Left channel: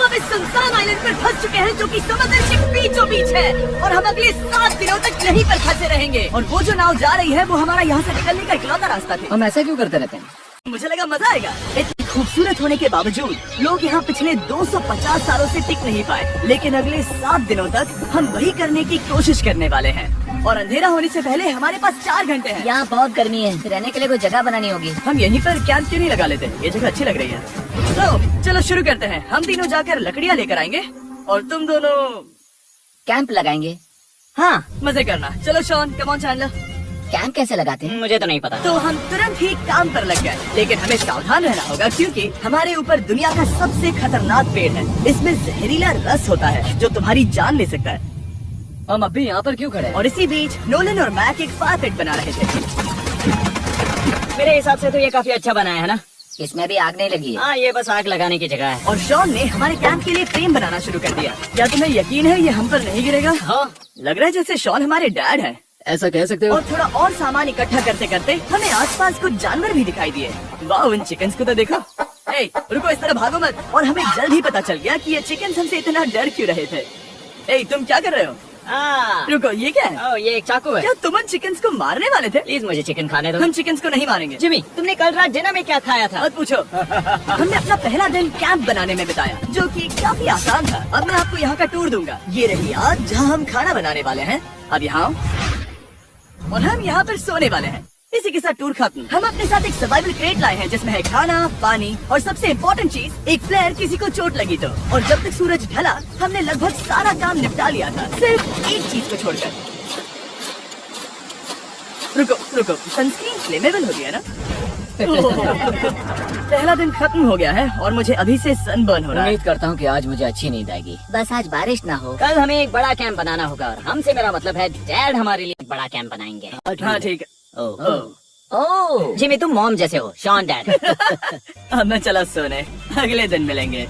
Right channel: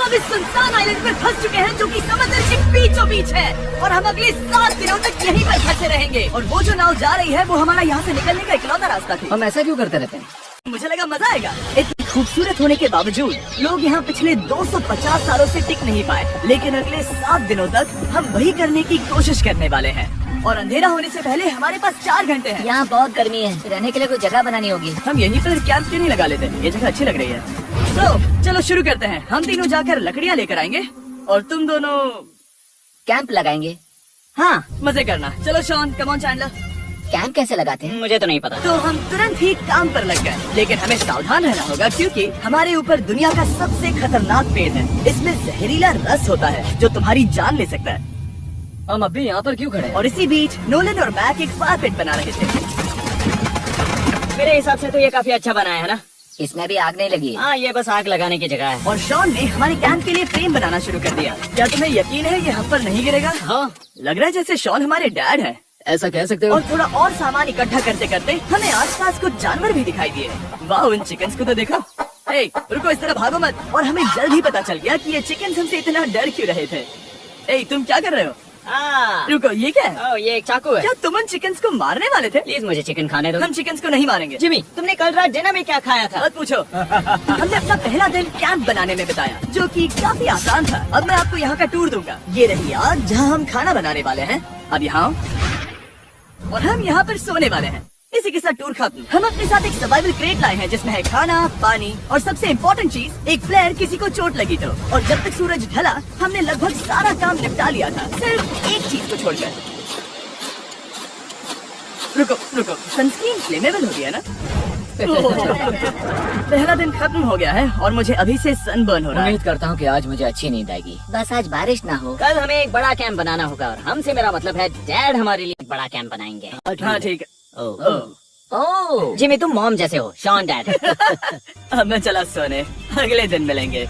हम अब इस सुनसान आइलैंड पर फंस चुके हैं जो कि समुद्र के बीचों बीच है और हम अगले 7 दिनों तक यहीं पर फंसे रहेंगे। और वो जो नाव जा रही है वो हमारा यहाँ से निकलने का इकलौता रास्ता था। हम ऐसा क्यों करते रहते हैं? मुझे लगा मजा आएगा। इतनी खूबसूरत होने के बावजूद लोग यहाँ पिछले 250 सालों से टिक नहीं पाए, लेकिन अगले 7 दिनों तक हम वही करने की कोशिश करने वाले हैं। और अंधेरा होने से पहले हमारे पास 4 घंटे हैं। यहाँ बहुत गर्मी है, रहने के लिए कोई जगह बनानी होगी। हम यहीं पर कैंप क्यों नहीं लगा लेते? ये जगह अच्छी लग रही है। तो चलो शुरू करते हैं। हम तीनों जाकर लकड़ियाँ लेकर आएंगे और तुम दोनों कैंप लगाएंगे। हाँ, मजे करना। चलो Shawn, come on Chandler. Camp कैसे लगाते हैं? मुझे तो नहीं पता। तो हम तुरंत ही काम पर लग गए, लेकिन हमें सावधान रहना होगा क्योंकि हमारे ऊपर दुनिया का सबसे खतरनाक पेड़ है। इसमें जहरीला रस होता है जो तुम्हारी जान ले सकता है। हम अभी यहाँ पर क्यों खड़े हैं? और इसी बीच नोलन और मैक एक फायर पिट बना रहे थे। मेरे हिसाब से तो ये काफी अच्छा बना है ना? इसमें भी आग नहीं लगी है। हाँ, ये बस आग लगाने की जगह है। और शॉन ने हमारे कैंप के लिए फ्रेम बनाना शुरू कर दिया। क्या तुम्हें यकीन है ये हम पर नहीं गिरेगा? हाँ, लग रहा है जैसे शॉन हमारे डैड है। ऐसा कह सकते हो? और थोड़ा और सामान इकट्ठा करते करते हमें आसपास कुछ जानवर भी दिखाई दिए। वाह, उन चिकन्स को तो देखो। हे, रुको, इस तरह भागो मत। और हमें जल्द ही पता चल गया कि ये चिकन्स हमसे इतना डर क्यों रहे थे। ए, तुम क्या कर रहे हो? हाँ। रुको, ये क्या है? ये एक चाकू है। क्या तुम उन चिकन्स को मारने वाले थे? प्लीज मुझे चिकन खाने दो। हम चिकन्स को नहीं मारेंगे। जिमी, तुमने कल रात डिनर में क्या खाया था? मत पूछो। हमने अपना पहला दिन कैंप बनाने में बिताया, जो कि काफी आसान था। अब मैं आपको यहाँ का टूर दूंगा। ये रही आग जहाँ हम खाना बनाने वाले हैं। अब यहाँ और हम यहाँ पर सोने वाले हैं। इसी के साथ टूर खत्म। हम अपने साथ एक सर्वाइवल क्रेट लाए हैं जिसमें है खाना, पानी और सबसे इम्पोर्टेंट चीज एक फ्लेयर किसी को चोट लगी तो। और जब तक सूरज ढला हमने लगभग सारा काम निपटा लिया था, सिर्फ एक चीज को छोड़कर। रुको, सनस्क्रीन फ्लेमेबल हो गया ना? पहला दिन खत्म हो गया है और मुझे अभी से सनबर्न हो रहा है। उम्मीद करता हूँ कि आज मुझे अच्छी नींद आएगी। बस आज बारिश ना हो। कल हमें एक बड़ा कैंप बनाना होगा और हमसे मेरा मतलब है डैड हमारे लिए एक बड़ा कैंप बनाएंगे। हाँ ठीक है। ओह, जिमी, तुम मॉम जैसे हो, शॉन डैड। अब मैं चला सोने, अगले दिन मिलेंगे।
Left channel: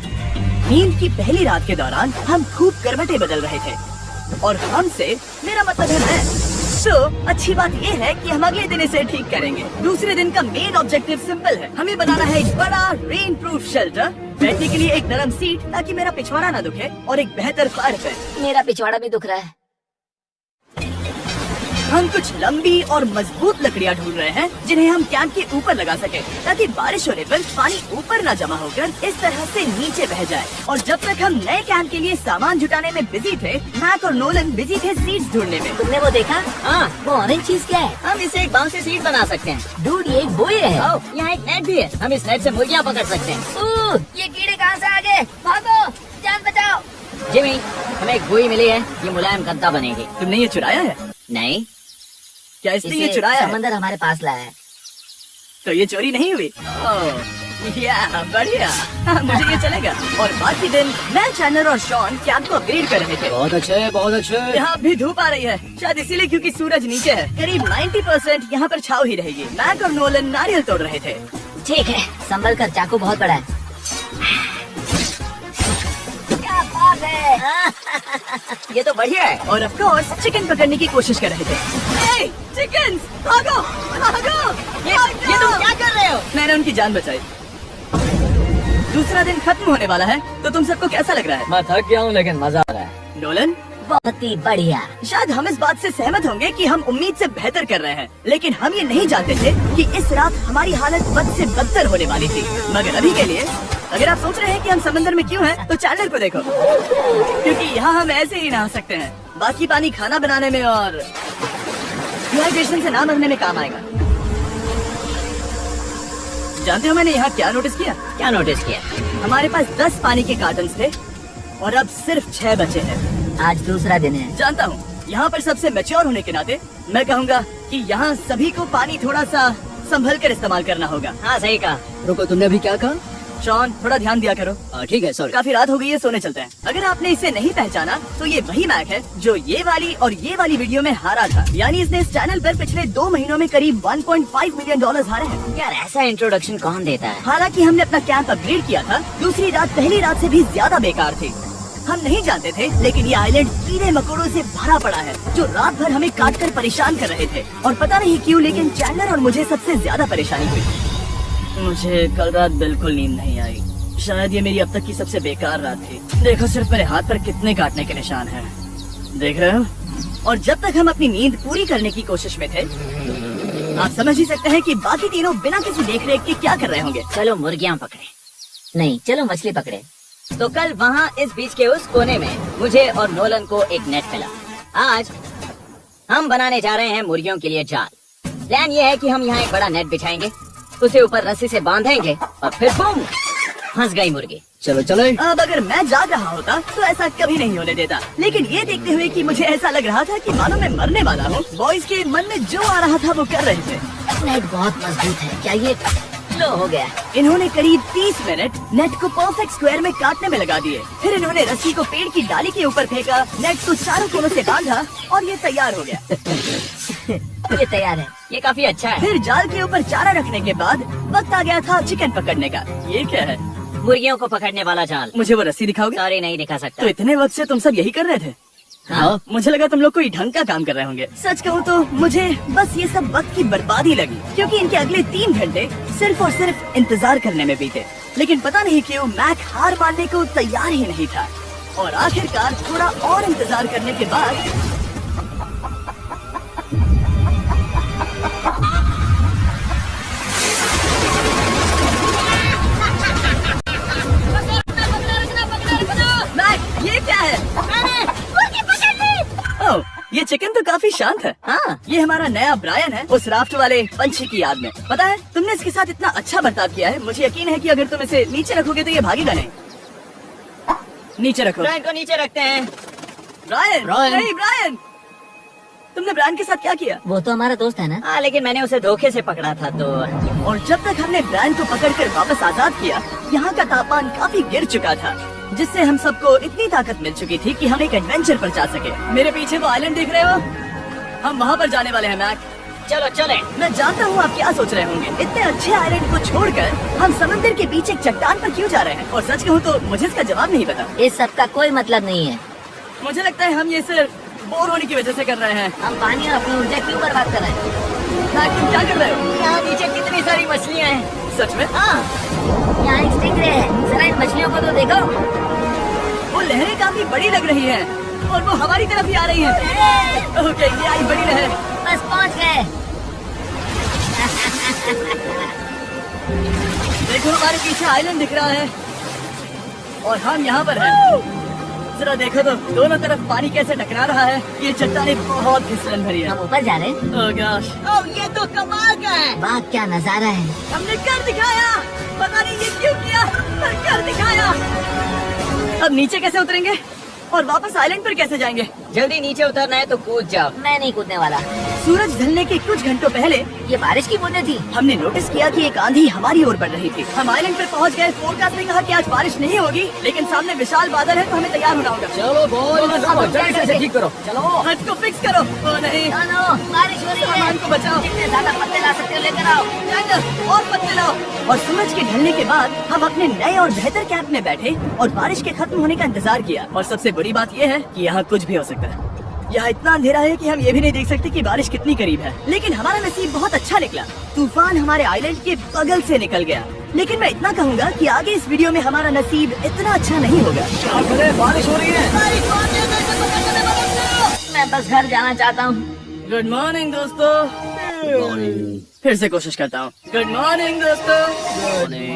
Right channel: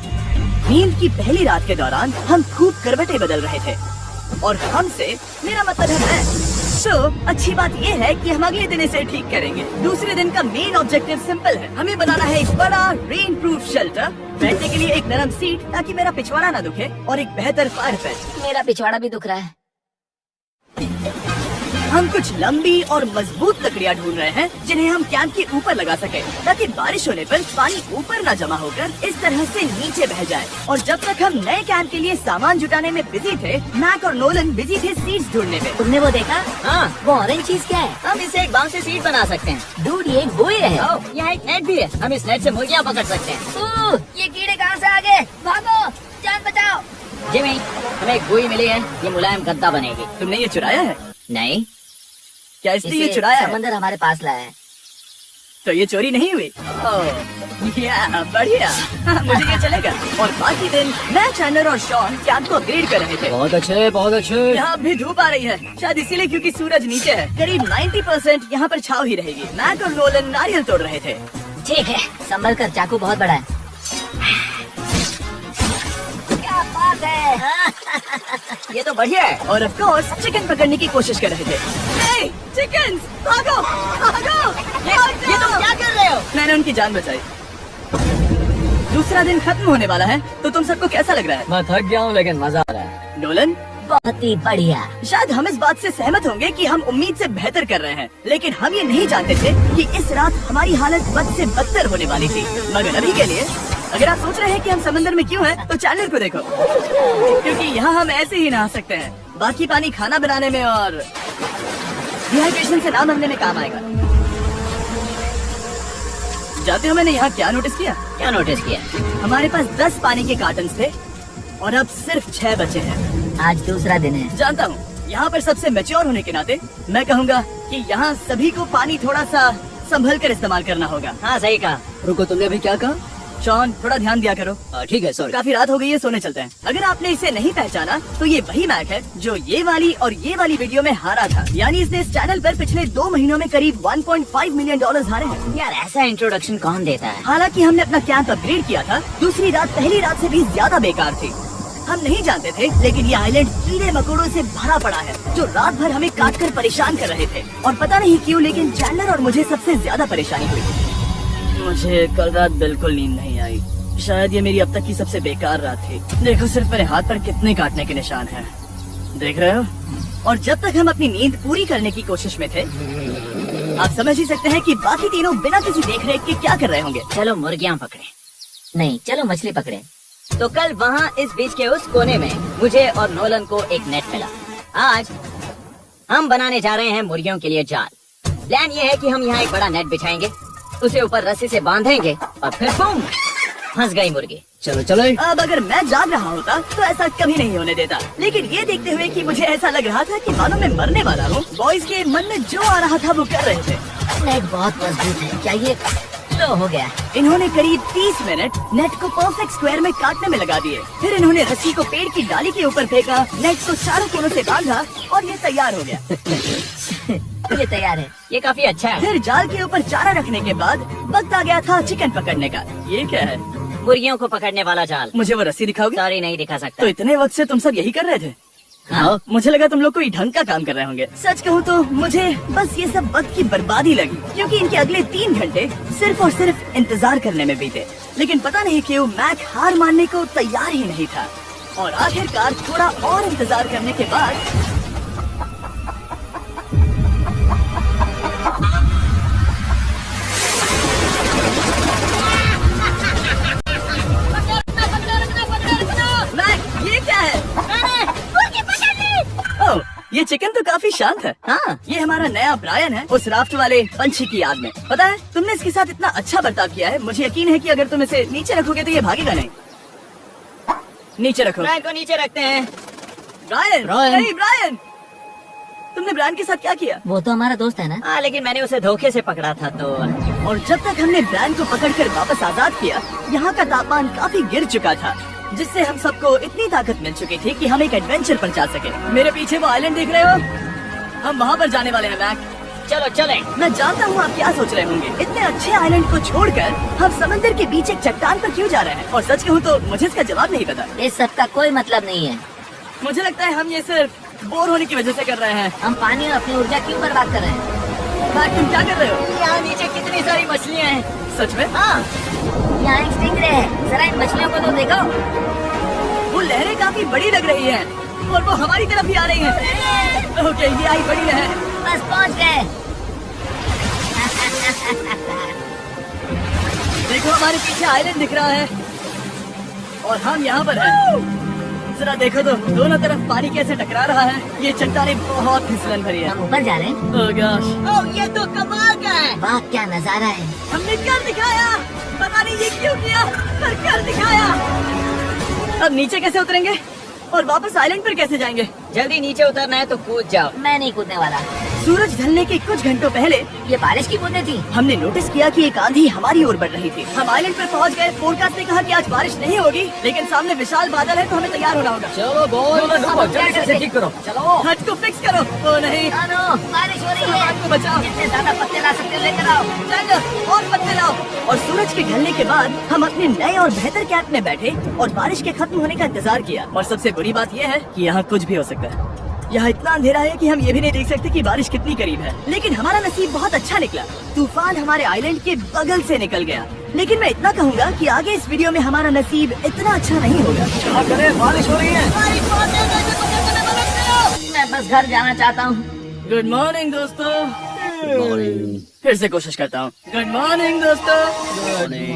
नींद की पहली रात के दौरान हम खूब करवटें बदल रहे थे और हमसे मेरा मतलब है मैं। तो अच्छी बात ये है कि हम अगले दिन इसे ठीक करेंगे। दूसरे दिन का मेन ऑब्जेक्टिव सिंपल है। हमें बनाना है एक बड़ा रेन प्रूफ शेल्टर, बैठने के लिए एक नरम सीट ताकि मेरा पिछवाड़ा ना दुखे और एक बेहतर फायर पिट। मेरा पिछवाड़ा भी दुख रहा है। हम कुछ लंबी और मजबूत लकड़ियाँ ढूंढ रहे हैं जिन्हें हम कैंप के ऊपर लगा सकें ताकि बारिश होने पर पानी ऊपर ना जमा होकर इस तरह से नीचे बह जाए। और जब तक हम नए कैंप के लिए सामान जुटाने में बिजी थे, मैक और नोलन बिजी थे सीड्स ढूंढने में। तुमने वो देखा? हाँ, वो ऑरेंज चीज क्या है? हम इसे एक बांस से सीट बना सकते हैं। डूड, ये एक बुए है। यहाँ एक नेट भी है, हम इस नेट से मुर्गियाँ पकड़ सकते हैं। ओह, ये कीड़े कहाँ से आ गए? भागो, जान बचाओ। जिमी, हमें एक बुई मिली है, ये मुलायम गद्दा बनेगी। तुमने ये चुराया है? नहीं, क्या इसने ये चुराया है? समंदर हमारे पास लाया है। तो ये चोरी नहीं हुई? बढ़िया। मुझे ये चलेगा। और बाकी दिन मैं, चैंडलर और शॉन कैंप को अपग्रेड कर रहे थे। बहुत अच्छे, बहुत अच्छे। यहाँ भी धूप आ रही है, शायद इसीलिए क्योंकि सूरज नीचे है। करीब 90% यहाँ पर छाव ही रहेगी। मैक और नोलन नारियल तोड़ रहे थे। ठीक है, संभल कर, चाकू बहुत बड़ा है। क्या बात है। ये तो बढ़िया है। और ऑफ कोर्स चिकन पकड़ने की कोशिश कर रहे थे। हे, चिकन्स, भागो, भागो, ये तुम क्या कर रहे हो? मैंने उनकी जान बचाई। दूसरा दिन खत्म होने वाला है, तो तुम सबको कैसा लग रहा है? मैं थक गया हूँ लेकिन मजा आ रहा है। नोलन, बहुत ही बढ़िया। शायद हम इस बात से सहमत होंगे कि हम उम्मीद से बेहतर कर रहे हैं, लेकिन हम ये नहीं जानते थे कि इस रात हमारी हालत बद से बदतर होने वाली थी। मगर अभी के लिए अगर आप सोच रहे हैं कि हम समंदर में क्यों हैं, तो चैनल को देखो, क्योंकि यहाँ हम ऐसे ही नहा सकते हैं। बाकी पानी खाना बनाने में और डिहाइड्रेशन से ना मरने में काम आएगा। जानते हो मैंने यहाँ क्या नोटिस किया? क्या नोटिस किया? हमारे पास 10 पानी के कार्टन्स थे और अब सिर्फ 6 बचे हैं। आज दूसरा दिन है। जानता हूँ, यहाँ पर सबसे मैच्योर होने के नाते मैं कहूँगा कि यहाँ सभी को पानी थोड़ा सा संभल कर इस्तेमाल करना होगा। हाँ, सही कहा। रुको, तुमने अभी क्या कहा? शॉन, थोड़ा ध्यान दिया करो। ठीक है, सॉरी। काफी रात हो गई है, सोने चलते हैं। अगर आपने इसे नहीं पहचाना तो ये वही मैक है जो ये वाली और ये वाली वीडियो में हारा था। यानी इसने इस चैनल पर पिछले 2 महीनों में करीब $1.5 मिलियन हारे हैं। यार, ऐसा इंट्रोडक्शन कौन देता है? हालांकि हमने अपना कैंप अपग्रेड किया था। दूसरी रात पहली रात से भी ज्यादा बेकार थी। हम नहीं जानते थे, लेकिन ये आइलैंड कीड़े मकोड़ों से भरा पड़ा है जो रात भर हमें काट कर परेशान कर रहे थे। और पता नहीं क्यों, लेकिन चैंडलर और मुझे सबसे ज्यादा परेशानी हुई। मुझे कल रात बिल्कुल नींद नहीं आई। शायद ये मेरी अब तक की सबसे बेकार रात थी। देखो सिर्फ मेरे हाथ पर कितने काटने के निशान हैं। देख रहे हो? और जब तक हम अपनी नींद पूरी करने की कोशिश में थे, आप समझ ही सकते हैं कि बाकी तीनों बिना किसी देख रेख के क्या कर रहे होंगे। चलो मुर्गियाँ पकड़े। नहीं, चलो मछली पकड़े। तो कल वहाँ इस बीच के उस कोने में मुझे और नोलन को एक नेट मिला। आज हम बनाने जा रहे हैं मुर्गियों के लिए जाल। प्लान ये है कि हम यहाँ एक बड़ा नेट बिछाएंगे, उसे ऊपर रस्सी से बांधेंगे और फिर बूम, फंस गई मुर्गी। चलो चलो। अब अगर मैं जाग रहा होता तो ऐसा कभी नहीं होने देता, लेकिन ये देखते हुए कि मुझे ऐसा लग रहा था कि मानो मैं मरने वाला हूँ, बॉयज के मन में जो आ रहा था वो कर रहे थे। नेट बहुत मजबूत है, क्या ये लो हो गया? इन्होंने करीब 30 मिनट नेट को परफेक्ट स्क्वायर में काटने में लगा दिए। फिर इन्होंने रस्सी को पेड़ की डाली के ऊपर फेंका, नेट को चारों कोनों से बांधा और ये तैयार हो गया। ये तैयार है, ये काफी अच्छा है। फिर जाल के ऊपर चारा रखने के बाद वक्त आ गया था चिकन पकड़ने का। ये क्या है? मुर्गियों को पकड़ने वाला जाल। मुझे वो रस्सी दिखाओगे? सॉरी, नहीं दिखा सकता। तो इतने वक्त से तुम सब यही कर रहे थे? हाँ? मुझे लगा तुम लोग कोई ढंग का काम कर रहे होंगे। सच कहूँ तो मुझे बस ये सब वक्त की बर्बादी लगी, क्योंकि इनके अगले 3 घंटे सिर्फ और सिर्फ इंतजार करने में बीते। लेकिन पता नहीं क्यों मैक हार मानने को तैयार ही नहीं था, और आखिरकार थोड़ा और इंतजार करने के बाद मैक, ये क्या है? ओह, ये चिकन तो काफी शांत है। हाँ, ये हमारा नया ब्रायन है, उस राफ्ट वाले पंछी की याद में। पता है, तुमने इसके साथ इतना अच्छा बर्ताव किया है, मुझे यकीन है कि अगर तुम इसे नीचे रखोगे तो ये भागेगा नहीं। नीचे रखो। ब्रायन को नीचे रखते हैं। ब्रायन, नहीं ब्रायन, तुमने ब्रायन के साथ क्या किया? वो तो हमारा दोस्त है ना। हाँ, लेकिन मैंने उसे धोखे से पकड़ा था तो। और जब तक हमने ब्रायन को पकड़कर वापस आजाद किया, यहाँ का तापमान काफी गिर चुका था, जिससे हम सबको इतनी ताकत मिल चुकी थी कि हम एक एडवेंचर पर जा सके। मेरे पीछे वो आइलैंड देख रहे हो? हम वहाँ पर जाने वाले हैं मैक। चलो चले। मैं जानता हूँ आप क्या सोच रहे होंगे, इतने अच्छे आइलैंड को छोड़कर हम समंदर के बीच एक चट्टान पर क्यों जा रहे हैं? और सच कहूँ तो मुझे इसका जवाब नहीं पता। इस सब का कोई मतलब नहीं है। मुझे लगता है हम ये सिर्फ बोर होने की वजह से कर रहे हैं। हम पानी और अपनी ऊर्जा क्यों बर्बाद कर रहे हैं? मैक, तुम क्या कर रहे हो? यहाँ नीचे कितनी सारी मछलियाँ हैं। सच में? हाँ, यहाँ एक स्टिंगरे है। जरा इन मछलियों को तो देखो। वो लहरें काफी बड़ी लग रही हैं और वो हमारी तरफ ही आ रही हैं। ओके, ये आई बड़ी लहर। बस पहुँच गए। देखो हमारे पीछे आइलैंड दिख रहा है और हम यहाँ पर हैं। जरा देखो तो दोनों तरफ पानी कैसे टकरा रहा है। ये चट्टानें बहुत फिसलन भरी है। हम ऊपर जा रहे हैं। ओह गॉश, ये तो कमाल का है। वाह, क्या नजारा है। हमने कर दिखाया। पता नहीं ये क्यों किया, पर कर दिखाया। अब नीचे कैसे उतरेंगे और वापस आइलैंड पर कैसे जाएंगे? जल्दी नीचे उतरना है तो कूद जाओ। मैं नहीं कूदने वाला। सूरज ढलने के कुछ घंटों पहले ये बारिश की बूंदें थी। हमने नोटिस किया कि एक आंधी हमारी ओर बढ़ रही थी। हम आइलैंड पर पहुंच गए। फोरकास्ट ने कहा कि आज बारिश नहीं होगी, लेकिन सामने विशाल बादल है तो हमें तैयार होना होगा। चलो जल्दी से ठीक करो। चलो। हट को फिक्स करो। ओ नहीं, बारिश हो रही है। सामान को बचाओ। जितने ज्यादा पत्ते ला सकते हो लेकर आओ। चलो और पत्ते लाओ। और सूरज के ढलने के बाद हम अपने नए और बेहतर कैंप में बैठे और बारिश के खत्म होने का इंतजार किया। और सबसे बुरी बात यह है कि यहाँ कुछ भी हो सकता है। यहाँ इतना अंधेरा है कि हम ये भी नहीं देख सकते कि बारिश कितनी करीब है। लेकिन हमारा नसीब बहुत अच्छा निकला। तूफान हमारे आइलैंड के बगल से निकल गया। लेकिन मैं इतना कहूँगा कि आगे इस वीडियो में हमारा नसीब इतना अच्छा नहीं होगा। बारिश हो रही है। मैं बस घर जाना चाहता हूँ। गुड मॉर्निंग दोस्तों। फिर से कोशिश करता हूँ। गुड मॉर्निंग दोस्तों।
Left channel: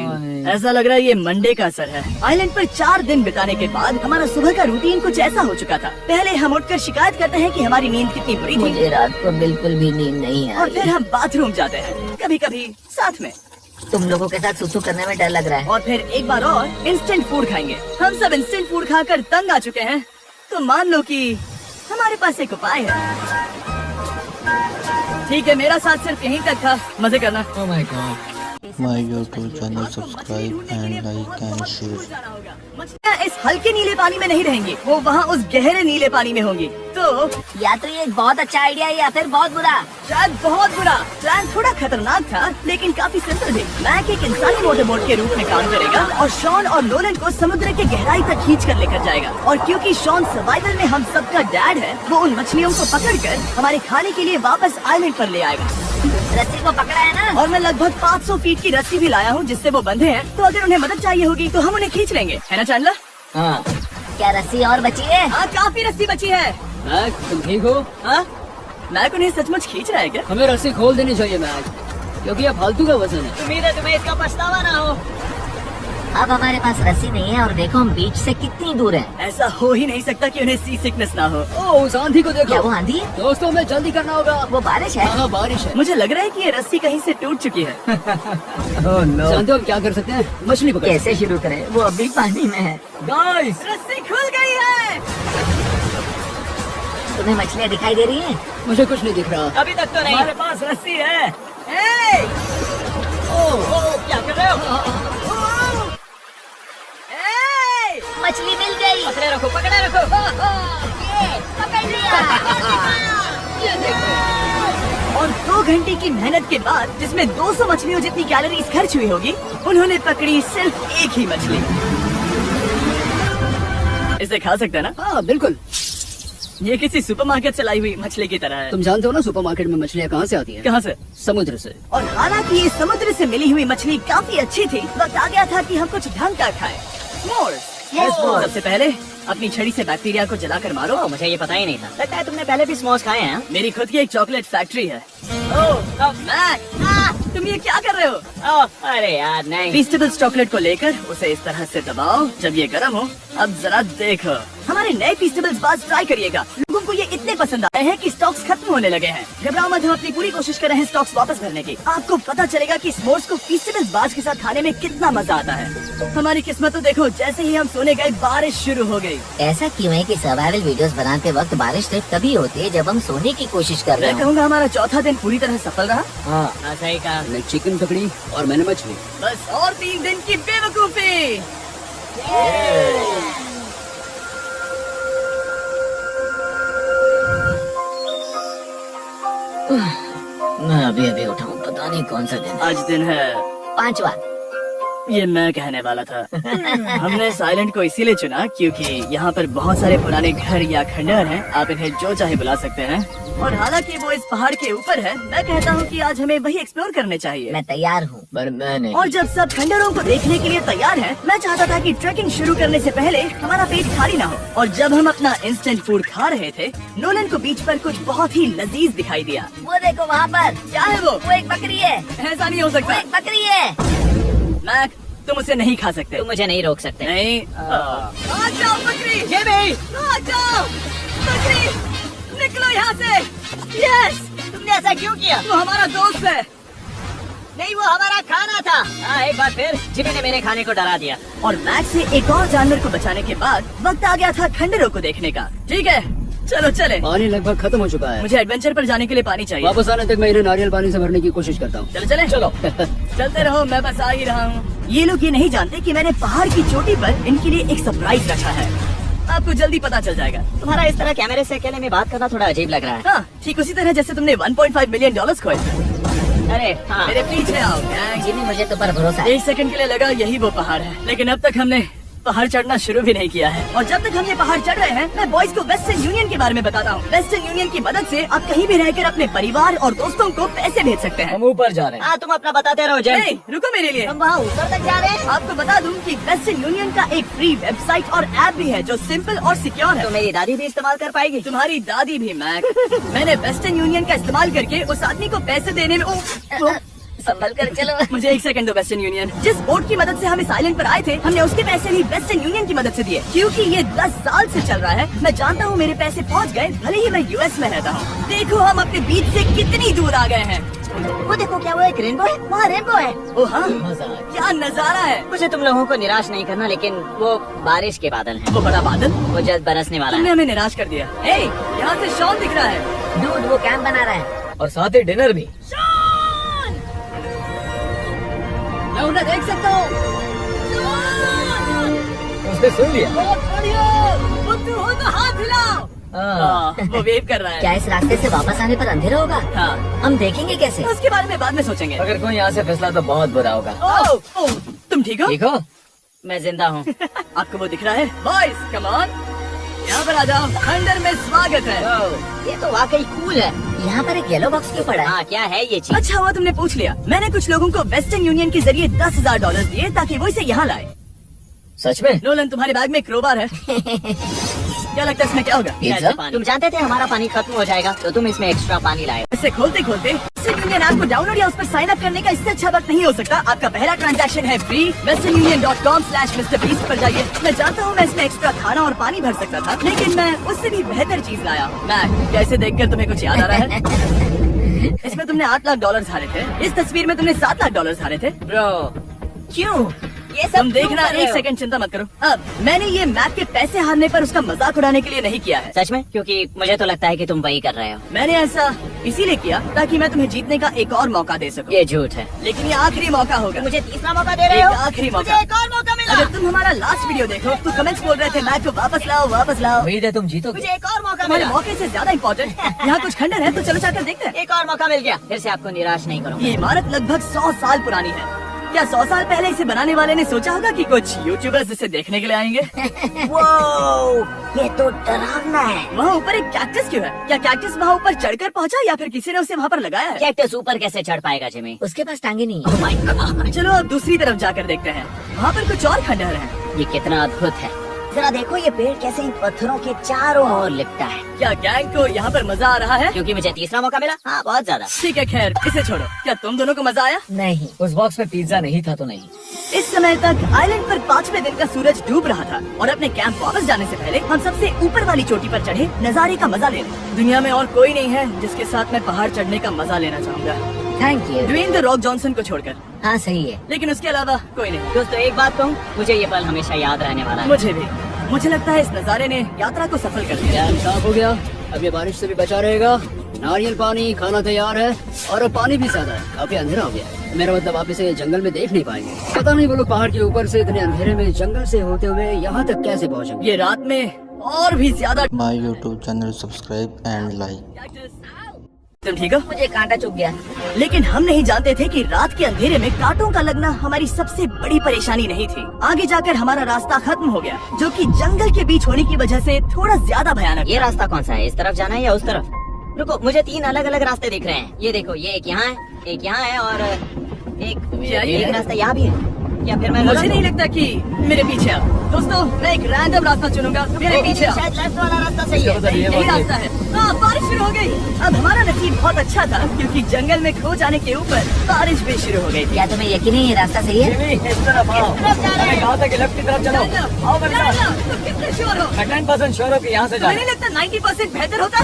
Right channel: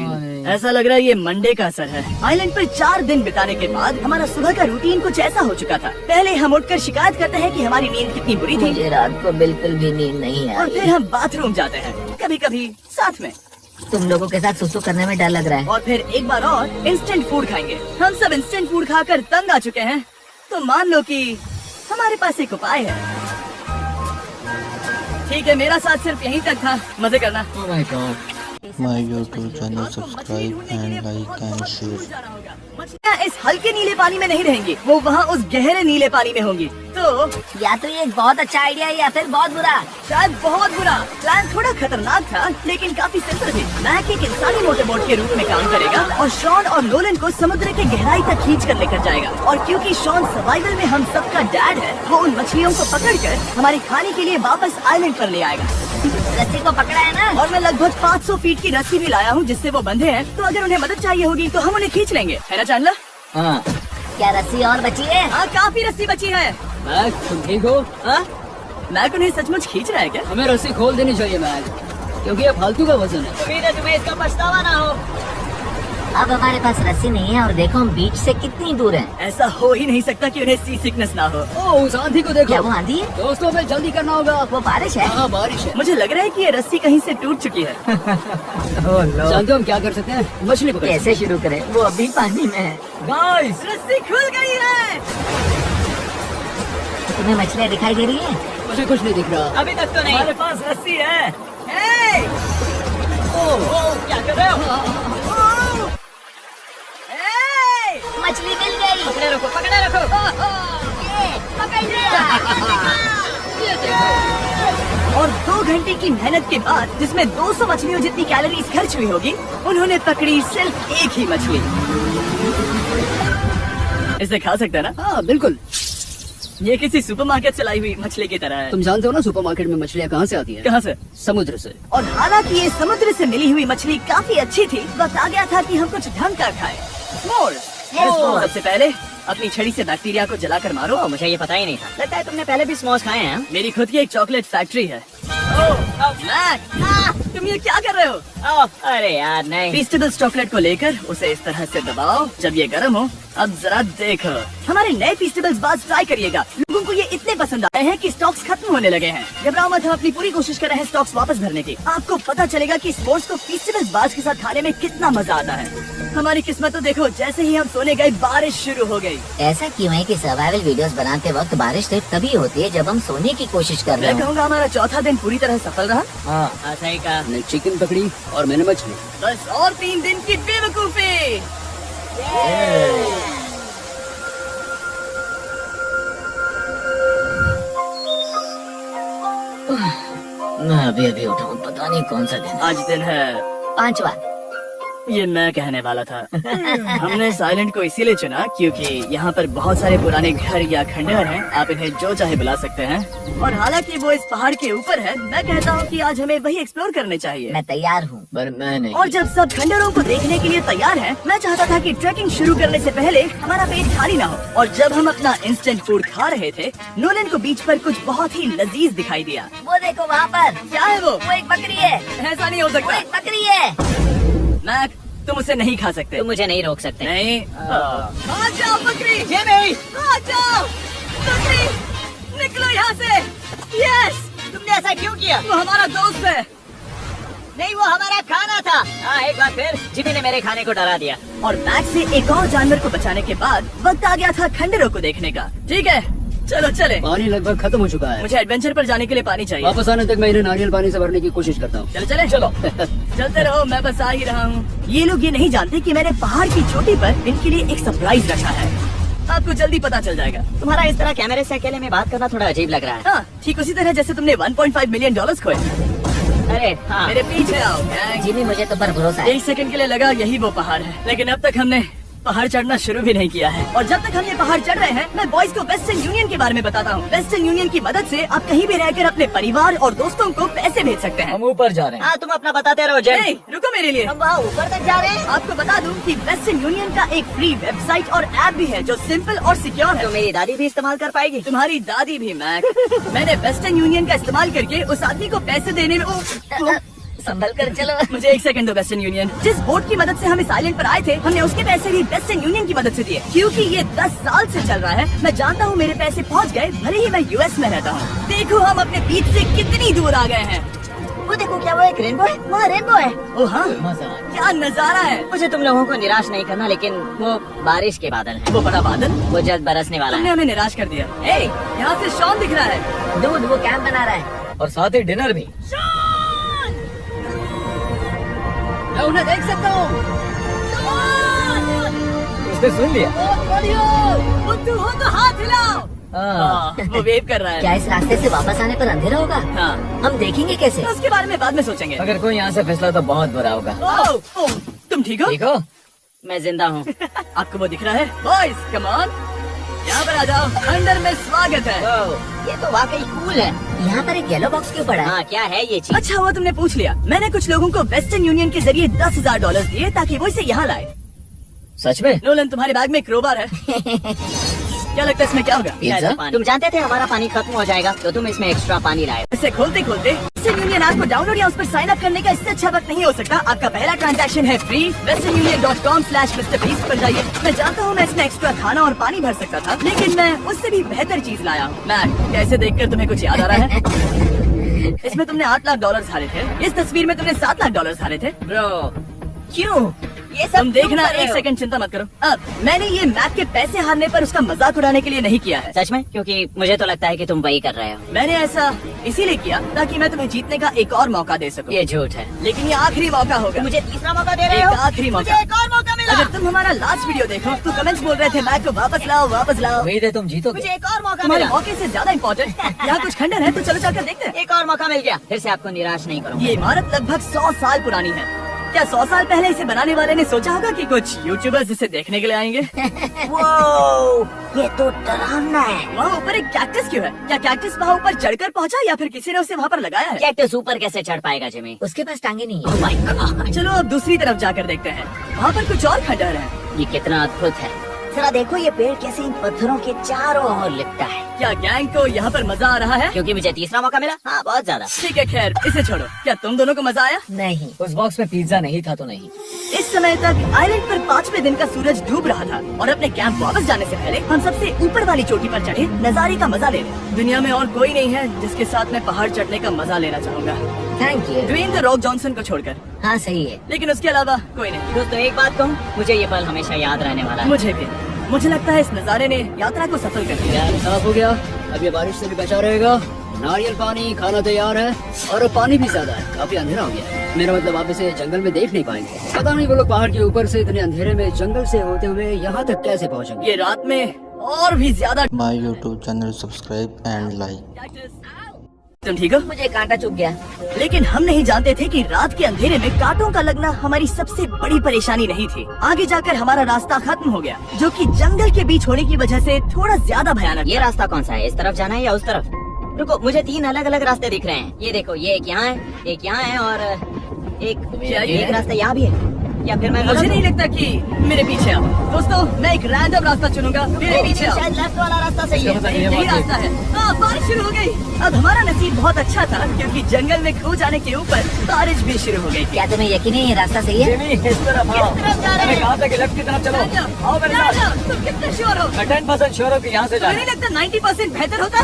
ऐसा लग रहा है ये मंडे का असर है। आइलैंड पर 4 दिन बिताने के बाद हमारा सुबह का रूटीन कुछ ऐसा हो चुका था। पहले हम उठकर शिकायत करते हैं कि हमारी नींद कितनी बुरी थी, मुझे रात को बिल्कुल भी नींद नहीं और आई। फिर हम बाथरूम जाते हैं, कभी कभी साथ में, तुम लोगों के साथ सुसु करने में डर लग रहा है। और फिर एक बार और इंस्टेंट फूड खाएंगे। हम सब इंस्टेंट फूड खाकर तंग आ चुके हैं, तो मान लो कि हमारे पास एक उपाय है। ठीक है, मेरा साथ सिर्फ यहीं तक था। मजे करना। Oh my God. My YouTube channel, subscribe and like and share. मछलियाँ इस हल्के नीले पानी में नहीं रहेंगी, वो वहाँ उस गहरे नीले पानी में होंगी। तो या तो ये बहुत अच्छा आइडिया है या फिर बहुत बुरा। शायद बहुत बुरा। प्लान थोड़ा खतरनाक था, लेकिन काफी सिंपल भी। मैक एक इंसानी मोटरबोट के रूप में काम करेगा और शॉन और नोलन को समुद्र की गहराई तक खींच कर लेकर जाएगा। और क्योंकि शॉन सर्वाइवल में हम सबका डैड है, वो उन मछलियों को पकड़कर हमारे खाने के लिए वापस आइलैंड पर ले आएगा। रस्सी को पकड़ा है ना? और मैं लगभग 500 फीट की रस्सी भी लाया हूँ जिससे वो बंधे हैं, तो अगर उन्हें मदद चाहिए होगी तो हम उन्हें खींच लेंगे, है ना चैंडलर? हाँ क्या रस्सी और बची है? हाँ काफी रस्सी बची है। मैक, तुम ठीक हो? हाँ मैक उन्हें सचमुच खींच रहा है क्या? हमें रस्सी खोल देनी चाहिए मैक, क्योंकि ये फालतू का वजन है। उम्मीद है तुम्हें इसका पछतावा ना हो। अब हमारे पास रस्सी नहीं है और देखो हम बीच से कितनी दूर है। ऐसा हो ही नहीं सकता कि उन्हें सी सिकनेस ना हो। ओ, उस आंधी को क्या देखो वो आंधी है? दोस्तों, हमें जल्दी करना होगा। वो बारिश है? हाँ, बारिश है। मुझे लग रहा है कि ये रस्सी कहीं से टूट चुकी है। जानते हो हम क्या कर सकते हैं? मछली पकड़। कैसे शुरू करें? वो अभी पानी में है। गाइस, रस्सी खुल गई है। तुम्हें मछलियाँ दिखाई दे रही हैं? मुझे कुछ नहीं दिख रहा। अभी तक तो नहीं। हमारे पास रस्सी है। ए! क्या कर रहे हो? ए! मछली मिल गई। पकड़े रखो, पकड़े रखो। ये पकड़ लिया। और 2 घंटे की मेहनत के बाद, जिसमें 200 मछलियों जितनी कैलोरीज खर्च हुई होगी, उन्होंने पकड़ी सिर्फ एक ही मछली। इसे खा सकता है ना? हाँ बिल्कुल। ये किसी सुपरमार्केट से लाई हुई मछली की तरह है। तुम जानते हो ना सुपरमार्केट में मछलियाँ कहाँ से आती है? कहाँ से? समुद्र से। और हालांकि ये समुद्र से मिली हुई मछली काफी अच्छी थी, वक्त आ गया था कि हम कुछ ढंग का खाएं। S'mores। सबसे पहले अपनी छड़ी से बैक्टीरिया को जलाकर मारो। ओ, मुझे ये पता ही नहीं था। लगता है तुमने पहले भी स्मोक्स खाए हैं। मेरी खुद की एक चॉकलेट फैक्ट्री है। तुम ये क्या कर रहे हो? अरे यार नहीं। फीस्टेबल्स चॉकलेट को लेकर उसे इस तरह से दबाओ। जब ये गर्म हो, अब जरा देखो। हमारे नए फीस्टेबल्स बार्स ट्राई करिएगा। लोगों को ये इतने पसंद आए हैं कि स्टॉक्स खत्म होने लगे हैं। घबराओ मत, हम अपनी पूरी कोशिश कर रहे हैं स्टॉक्स वापस भरने की। आपको पता चलेगा कि स्मोर्स को फीस्टेबल्स बार्स के साथ खाने में कितना मजा आता है। हमारी किस्मत तो देखो, जैसे ही हम सोने गए बारिश शुरू हो गई। ऐसा क्यों है कि सर्वाइवल वीडियोस बनाते वक्त बारिश सिर्फ तभी होती है जब हम सोने की कोशिश कर रहे मैं हो। कहूँगा हमारा चौथा दिन पूरी तरह सफल रहा। हाँ, सही कहा। मैंने चिकन पकड़ी और मैंने मछली। बस और 3 दिन की बेवकूफी। मैं अभी अभी उठा हूँ, पता नहीं कौन सा दिन। आज दिन है 5वां। ये मैं कहने वाला था। हमने इस आइलैंड को इसीलिए चुना क्योंकि यहाँ पर बहुत सारे पुराने घर या खंडहर हैं। आप इन्हें जो चाहे बुला सकते हैं। और हालांकि वो इस पहाड़ के ऊपर है, मैं कहता हूँ कि आज हमें वही एक्सप्लोर करने चाहिए। मैं तैयार हूँ। पर मैंने और जब सब खंडहरों को देखने के लिए तैयार हैं, मैं चाहता था कि ट्रैकिंग शुरू करने से पहले हमारा पेट भारी ना हो। और जब हम अपना इंस्टेंट फूड खा रहे थे, नोलन को बीच पर कुछ बहुत ही लजीज दिखाई दिया। वो देखो वहाँ पर, क्या है वो? वो एक बकरी है। ऐसा नहीं हो वो सकता। एक बकरी है। मैक, तुम उसे नहीं खा सकते। तुम मुझे नहीं रोक सकते। नहीं। आ जाओ बकरी। ये भी। आ जाओ बकरी, निकलो यहाँ से। यस। तुमने ऐसा क्यों किया? वो हमारा दोस्त है। नहीं, वो हमारा खाना था। एक बार फिर जिमी ने मेरे खाने को डरा दिया। और मैक से एक और जानवर को बचाने के बाद वक्त आ गया था खंडहरों को देखने का। ठीक है, चलो चले। पानी लगभग खत्म हो चुका है। मुझे एडवेंचर पर जाने के लिए पानी चाहिए। वापस आने तक मैं इन्हें नारियल पानी से भरने की कोशिश करता हूँ। चलो चले। चलो चलते रहो, मैं बस आ ही रहा हूँ। ये लोग ये नहीं जानते कि मैंने पहाड़ की चोटी पर इनके लिए एक सरप्राइज रखा है। आपको जल्दी पता चल जाएगा। तुम्हारा इस तरह कैमरे से अकेले में बात करना थोड़ा अजीब लग रहा है। हाँ, ठीक उसी तरह जैसे तुमने $1.5 मिलियन खोए। अरे हाँ। मेरे पीछे आओ गैंग। जिमी, मुझे तुम पर भरोसा है। 1 सेकंड के लिए लगा यही वो पहाड़ है, लेकिन अब तक हमने पहाड़ चढ़ना शुरू भी नहीं किया है। और जब तक हम ये पहाड़ चढ़ रहे हैं, मैं बॉयज को वेस्टर्न यूनियन के बारे में बताता हूँ। वेस्टर्न यूनियन की मदद से आप कहीं भी रहकर अपने परिवार और दोस्तों को पैसे भेज सकते हैं। हम ऊपर जा रहे हैं। हाँ, तुम अपना बताते रहो जय। नहीं, रुको मेरे लिए। हम वहाँ ऊपर तक जा रहे हैं। आपको बता दूं कि वेस्टर्न यूनियन का एक फ्री वेबसाइट और ऐप भी है जो सिंपल और सिक्योर है। तो मेरी दादी भी इस्तेमाल कर पाएगी। तुम्हारी दादी भी मैक। मैंने वेस्टर्न यूनियन का इस्तेमाल करके उस आदमी को पैसे देने में संभल कर चलो। मुझे 1 सेकंड दो। वेस्टर्न यूनियन, जिस बोट की मदद से हम इस आइलैंड पर आए थे, हमने उसके पैसे भी वेस्टर्न यूनियन की मदद से दिए। क्योंकि ये 10 साल से चल रहा है, मैं जानता हूँ मेरे पैसे पहुँच गए, भले ही मैं यूएस में रहता हूँ। देखो हम अपने बीच से कितनी दूर आ गए हैं। वो देखो, क्या वो एक रेनबो है? वहाँ रेनबो है। ओ हाँ, क्या नजारा है। मुझे तुम लोगों को निराश नहीं करना, लेकिन वो बारिश के बादल हैं। वो बड़ा बादल, वो जल्द बरसने वाला तुमने है। हमें निराश कर दिया। हे, यहाँ से शॉन दिख रहा है। दूध, वो कैंप बना रहा है। और साथ ही डिनर भी। मैं उन्हें देख सकता हूँ। उसने सुन लिया। हो तो हाथ हिलाओ। हाँ, वो वेव कर रहा है। क्या इस रास्ते से वापस आने पर अंधेरा होगा? हाँ, हम देखेंगे कैसे? उसके बारे में बाद में सोचेंगे। अगर कोई यहाँ से फिसला तो बहुत बुरा होगा। ओह, तुम ठीक हो? ठीक हो? मैं जिंदा हूँ। आपको वो दिख रहा है? बॉयज, कम ऑन, यहाँ पर आ जाओ, खंडर में स्वागत है। ये तो वाकई कूल है। यहाँ पर एक येलो बॉक्स क्यों पड़ा है? हाँ, क्या है ये चीज? अच्छा हुआ तुमने पूछ लिया। मैंने कुछ लोगों को वेस्टर्न यूनियन के जरिए $10,000 दिए ताकि वो इसे यहाँ लाए। सच में? नोलन, तुम्हारे बैग में क्रोबार है। क्या लगता है इसमें क्या होगा? पिज्जा? तुम जानते थे हमारा पानी खत्म हो जाएगा, तो तुम इसमें एक्स्ट्रा पानी लाए। इसे खोलते खोलते वेस्टर्न यूनियन ऐप को डाउनलोड या उस पर साइन अप करने का इससे अच्छा वक्त नहीं हो सकता। आपका पहला ट्रांजैक्शन है फ्री। westernunion.com/MrBeast पर जाइए। मैं जानता हूँ मैं इसमें एक्स्ट्रा खाना और पानी भर सकता था, लेकिन मैं उससे भी बेहतर चीज लाया हूँ। मैं कैसे देखकर तुम्हें कुछ याद आ रहा है? इसमें तुमने $8 लाख हारे थे। इस तस्वीर में तुमने $7 लाख हारे थे। ब्रो, क्यों? ये सब देखना। एक सेकंड, चिंता मत करो। अब मैंने ये मैच के पैसे हारने पर उसका मजाक उड़ाने के लिए नहीं किया है। सच में? क्योंकि मुझे तो लगता है कि तुम वही कर रहे हो। मैंने ऐसा इसीलिए किया ताकि मैं तुम्हें जीतने का एक और मौका दे सकूं। ये झूठ है। लेकिन ये आखिरी मौका होगा। मुझे तीसरा मौका दे रहे एक हो? आखिरी मुझे मौका। एक और मौका मिला। अगर तुम हमारा लास्ट वीडियो देखो तो कमेंट्स बोल रहे थे मैच को वापस लाओ, वापस लाओ। उम्मीद है तुम जीतोगे। मुझे एक और मौका तुम्हारे मिला। मौके से ज्यादा इम्पोर्टेंट यहाँ कुछ खंडर है, तो चलो जाकर देखते हैं। एक और मौका मिल गया। फिर से आपको निराश नहीं करूँगा। ये इमारत लगभग 100 साल पुरानी है। क्या 100 साल पहले इसे बनाने वाले ने सोचा होगा कि कुछ यूट्यूबर्स इसे देखने के लिए आएंगे? ये तो डरावना है। वहाँ ऊपर एक कैक्टस क्यों है? क्या कैक्टस वहाँ ऊपर चढ़कर पहुँचा या फिर किसी ने उसे वहाँ पर लगाया है? कैक्टस ऊपर कैसे चढ़ पाएगा जिमी? उसके पास टांगे नहीं है। Oh my God! चलो अब दूसरी तरफ जाकर देखते हैं। वहाँ पर कुछ और खंडहर है। ये कितना अद्भुत है। जरा देखो ये पेड़ कैसे इन पत्थरों के चारों और लिपटा है। क्या गैंग को यहाँ पर मजा आ रहा है? क्योंकि मुझे तीसरा मौका मिला। हाँ, बहुत ज्यादा। ठीक है, खैर इसे छोड़ो। क्या तुम दोनों को मजा आया? नहीं। उस बॉक्स में पिज्जा नहीं था तो नहीं। इस समय तक आइलैंड पर 5वें दिन का सूरज डूब रहा था और अपने कैंप वापस जाने से पहले हम सबसे ऊपर वाली चोटी पर चढ़े नजारे का मजा ले रहे। दुनिया में और कोई नहीं है जिसके साथ मैं पहाड़ चढ़ने का मजा लेना चाहूँगा, thank you. Dwayne the Rock Johnson को छोड़कर। हाँ सही है। लेकिन उसके अलावा कोई नहीं। दोस्तों, एक बात कहूँ, मुझे ये पल हमेशा याद रहने वाला है। मुझे भी। मुझे लगता है इस नजारे ने यात्रा को सफल कर दिया। डैम साफ हो गया। अब ये बारिश से भी बचा रहेगा। नारियल पानी, खाना तैयार है और पानी भी ज्यादा है। काफी अंधेरा हो गया है। मेरा मतलब आप इसे ये जंगल में देख नहीं पाएंगे। पता नहीं वो लोग पहाड़ के ऊपर से इतने अंधेरे में जंगल से होते हुए यहाँ तक कैसे पहुँचेंगे। ये रात में और भी ज्यादा। My YouTube channel subscribe and like। तुम ठीक हो? मुझे कांटा चुभ गया। लेकिन हम नहीं जानते थे कि रात के अंधेरे में कांटों का लगना हमारी सबसे बड़ी परेशानी नहीं थी। आगे जाकर हमारा रास्ता खत्म हो गया, जो कि जंगल के बीच होने की वजह से थोड़ा ज्यादा भयानक। ये रास्ता कौन सा है? इस तरफ जाना है या उस तरफ? रुको, मुझे 3 अलग अलग रास्ते दिख रहे हैं। ये देखो, ये एक यहाँ है, एक यहाँ है और एक रास्ता यहाँ भी है। या फिर मैं मुझे नहीं लगता कि मेरे पीछे आओ। दोस्तों, मैं एक रैंडम रास्ता चुनूंगा। मेरे पीछे आओ। शायद लेफ्ट वाला रास्ता सही है। यही रास्ता है। बारिश शुरू हो गई। अब हमारा नसीब बहुत अच्छा था क्योंकि जंगल में खो जाने के ऊपर बारिश भी शुरू हो गई थी। क्या तुम्हें यकीन है ये रास्ता सही है? इस तरफ आओ। अरे कहाँ तक? लेफ्ट की तरफ चलो। आओ मेरे साथ। तुम कितने श्योर हो? 10% श्योर हो कि यहाँ से जाए। मुझे लगता 90% बेहतर होता।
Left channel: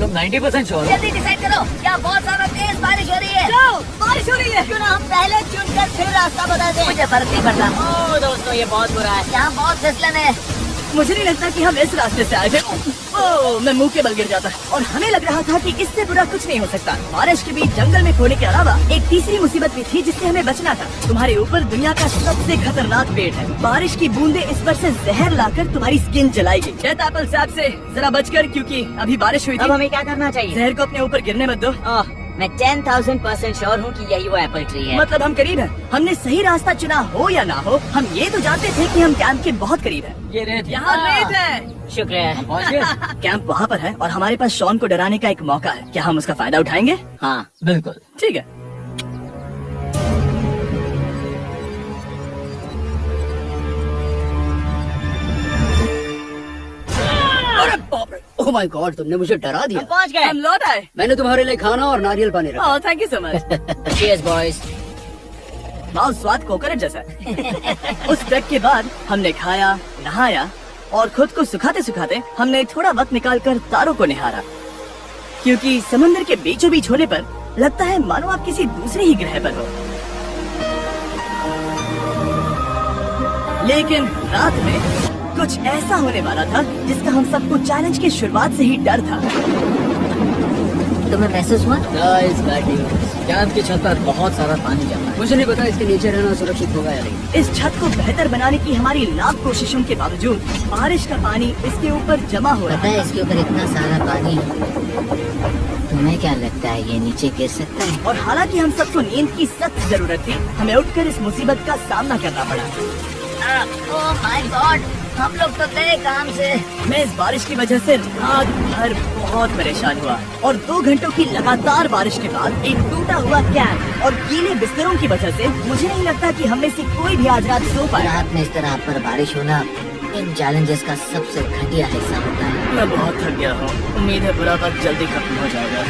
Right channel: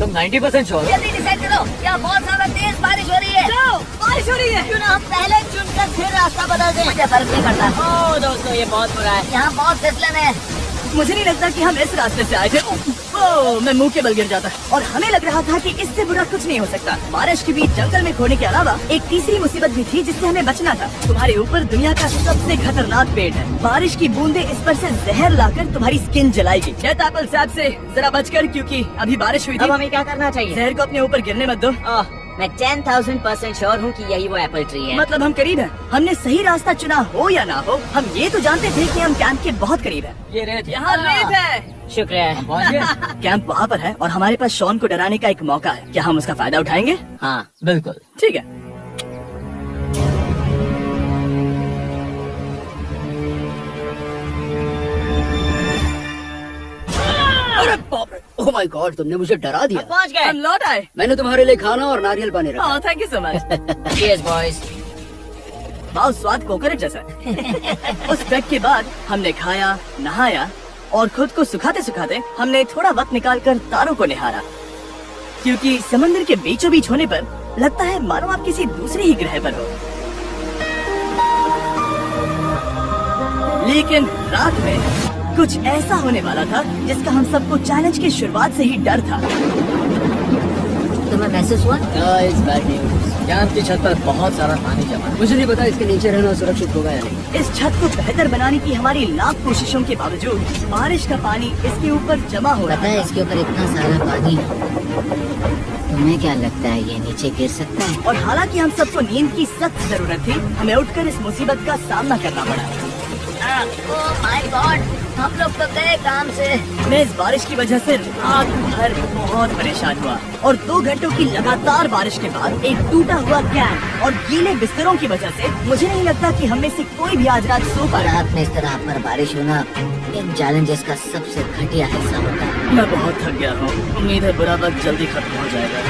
तुम 90% श्योर हो? जल्दी डिसाइड करो। क्या बहुत ज्यादा तेज बारिश हो रही है? जाओ, बारिश हो रही है। क्यों ना हम पहले चुनकर फिर रास्ता बदल दें? मुझे फर्क नहीं पड़ता। ओह दोस्तों, ये बहुत बुरा है। यहाँ बहुत फिसलन है। मुझे नहीं लगता कि हम इस रास्ते से आए थे। ओह, मैं मुंह के बल गिर जाता और हमें लग रहा था कि इससे बुरा कुछ नहीं हो सकता। बारिश के बीच जंगल में खोने के अलावा एक तीसरी मुसीबत भी थी जिससे हमें बचना था। तुम्हारे ऊपर दुनिया का सबसे खतरनाक पेड़ है। बारिश की बूंदें इस पर से जहर लाकर तुम्हारी स्किन जलाएगी। कहता एप्पल साहब से जरा बचकर, क्योंकि अभी बारिश हुई अब थी। हमें क्या करना चाहिए? जहर को अपने ऊपर गिरने मत दो। मैं 10,000% श्योर हूँ कि यही वो एप्पल ट्री है। मतलब हम करीब हैं। हमने सही रास्ता चुना हो या ना हो, हम ये तो जानते थे कि हम कैंप के बहुत करीब हैं। ये रेत यहाँ रेत है। शुक्रिया है। पहुँच गए। कैंप वहाँ पर है और हमारे पास शॉन को डराने का एक मौका है। क्या हम उसका फायदा उठाएंगे? हाँ, बिल्कुल। ठीक है। अरे बाप रे! ओह माय गॉड, तुमने मुझे डरा दिया। हम पहुँच गए। हम लौट आए। मैंने तुम्हारे लिए खाना और नारियल पानी रखा। Oh, thank you so much. Cheers, boys. बहुत स्वाद कोकोनट जैसा है। उस ट्रैक के बाद हमने खाया, नहाया और खुद को सुखाते सुखाते हमने थोड़ा वक्त निकालकर तारों को निहारा, क्योंकि समुद्र के बीचों बीच होने पर लगता है मानो आप किसी दूसरे ही ग्रह पर हो। लेकिन रात में कुछ ऐसा होने वाला था जिसका हम सबको चैलेंज के शुरुआत से ही डर था। तुम्हें महसूस हुआ? Guys, bad news. कैंप की छत पर बहुत सारा पानी जमा है। मुझे नहीं पता इसके नीचे रहना सुरक्षित होगा या नहीं। इस छत को बेहतर बनाने की हमारी लाख कोशिशों के बावजूद बारिश का पानी इसके ऊपर जमा हो पता रहा है है इसके ऊपर इतना सारा पानी, तुम्हें क्या लगता है ये नीचे गिर सकता है? और हालांकि हम सबको नींद की सख्त जरूरत थी, हमें उठकर इस मुसीबत का सामना करना पड़ा। ओह माय गॉड, हम लोग तो गए काम से। मैं इस बारिश की वजह से रात भर बहुत परेशान हुआ और 2 घंटों की लगातार बारिश के बाद एक टूटा हुआ कैंप और गीले बिस्तरों की वजह से मुझे नहीं लगता कि हम में से कोई भी आज रात सो पाया। रात में इस तरह आप पर बारिश होना इन चैलेंजेस का सबसे घटिया हिस्सा होता है। मैं बहुत थक गया हूँ। उम्मीद है बुरा वक्त जल्दी खत्म हो जाएगा।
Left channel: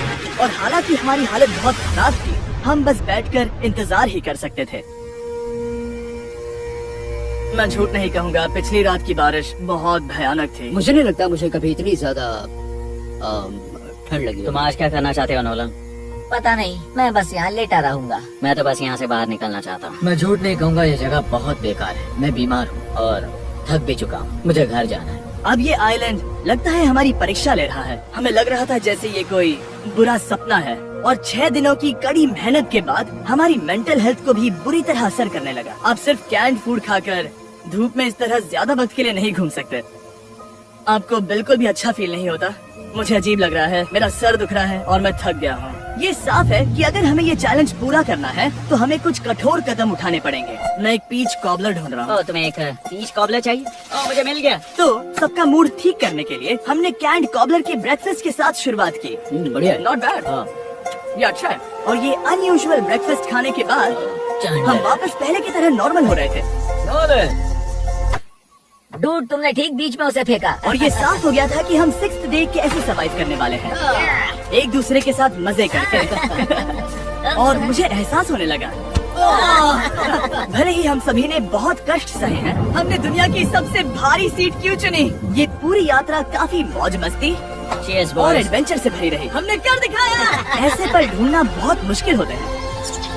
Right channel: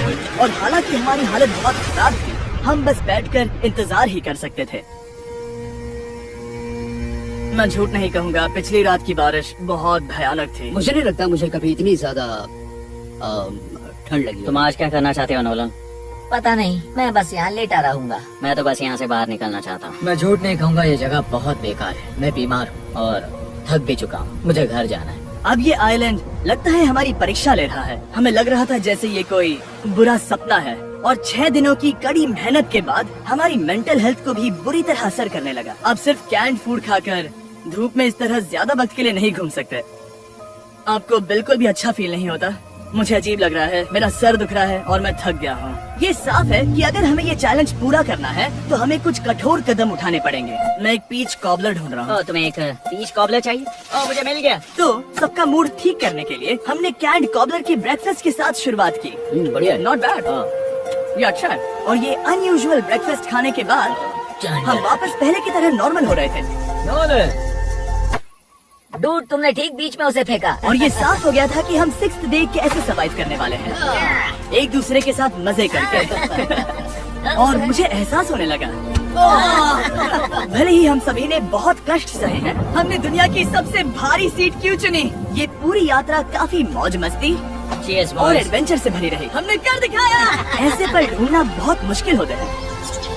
और हालांकि हमारी हालत बहुत खराब थी, हम बस बैठकर इंतजार ही कर सकते थे। मैं झूठ नहीं कहूँगा, पिछली रात की बारिश बहुत भयानक थी। मुझे नहीं लगता मुझे कभी इतनी ज्यादा ठंड लगी। तुम आज क्या करना चाहते हो नोलन? पता नहीं, मैं बस यहाँ लेटा रहूंगा। मैं तो बस यहाँ से बाहर निकलना चाहता हूँ। मैं झूठ नहीं कहूँगा, ये जगह बहुत बेकार है। मैं बीमार हूँ और थक भी चुका हूँ। मुझे घर जाना है। अब ये आइलैंड लगता है हमारी परीक्षा ले रहा है। हमें लग रहा था जैसे ये कोई बुरा सपना है और 6 दिनों की कड़ी मेहनत के बाद हमारी मेंटल हेल्थ को भी बुरी तरह असर करने लगा। अब सिर्फ कैंड फूड खाकर धूप में इस तरह ज्यादा वक्त के लिए नहीं घूम सकते। आपको बिल्कुल भी अच्छा फील नहीं होता? मुझे अजीब लग रहा है, मेरा सर दुख रहा है और मैं थक गया हूँ। ये साफ है कि अगर हमें ये चैलेंज पूरा करना है तो हमें कुछ कठोर कदम उठाने पड़ेंगे। मैं एक पीच कॉबलर ढूंढ रहा हूँ। तुम्हें एक पीच कॉबलर चाहिए? मुझे मिल गया। तो सबका मूड ठीक करने के लिए हमने कैंड कॉबलर के ब्रेकफास्ट के साथ शुरुआत की। बढ़िया है। नॉट बैड, ये अच्छा है। और ये अनयूजुअल ब्रेकफास्ट खाने के बाद हम वापस पहले की तरह नॉर्मल हो रहे थे। डूड, तुमने ठीक बीच में उसे फेंका। और ये साफ हो गया था कि हम 6th डे कैसे सर्वाइव करने वाले हैं, एक दूसरे के साथ मजे करके। और मुझे एहसास होने लगा भले ही हम सभी ने बहुत कष्ट सहे हैं, हमने दुनिया की सबसे भारी सीट क्यों चुनी। ये पूरी यात्रा काफी मौज मस्ती Cheers, और boys. एडवेंचर से भरी रही। हमने कर दिखाया। ऐसे पर ढूंढना बहुत मुश्किल होते हैं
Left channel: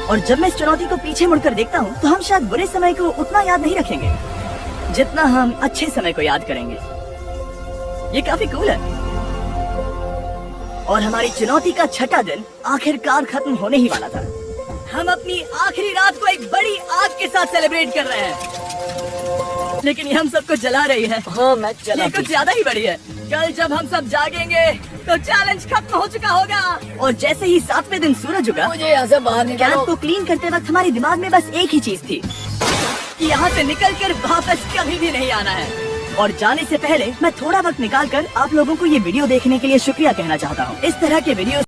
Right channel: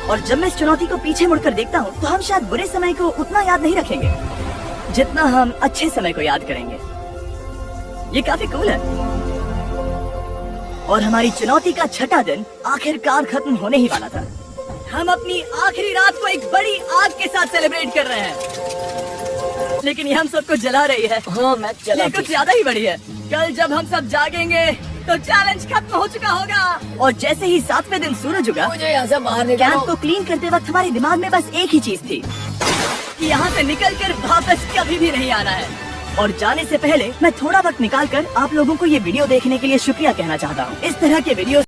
और जब मैं इस चुनौती को पीछे मुड़कर देखता हूँ तो हम शायद बुरे समय को उतना याद नहीं रखेंगे जितना हम अच्छे समय को याद करेंगे। ये काफी कूल है। और हमारी चुनौती का 6ठा दिन आखिरकार खत्म होने ही वाला था। हम अपनी आखिरी रात को एक बड़ी आग के साथ सेलिब्रेट कर रहे हैं, लेकिन ये हम सबको जला रही है। मैं ये कुछ ज्यादा ही बड़ी है। कल जब हम सब जागेंगे तो चैलेंज खत्म हो चुका होगा। और जैसे ही 7वें दिन सूरज उगा, मुझे यहाँ से बाहर कैंप को क्लीन करते वक्त हमारे दिमाग में बस एक ही चीज थी कि यहाँ से निकलकर वापस कभी भी नहीं आना है। और जाने से पहले मैं थोड़ा वक्त निकालकर आप लोगों को ये वीडियो देखने के लिए शुक्रिया कहना चाहता हूँ। इस तरह के वीडियो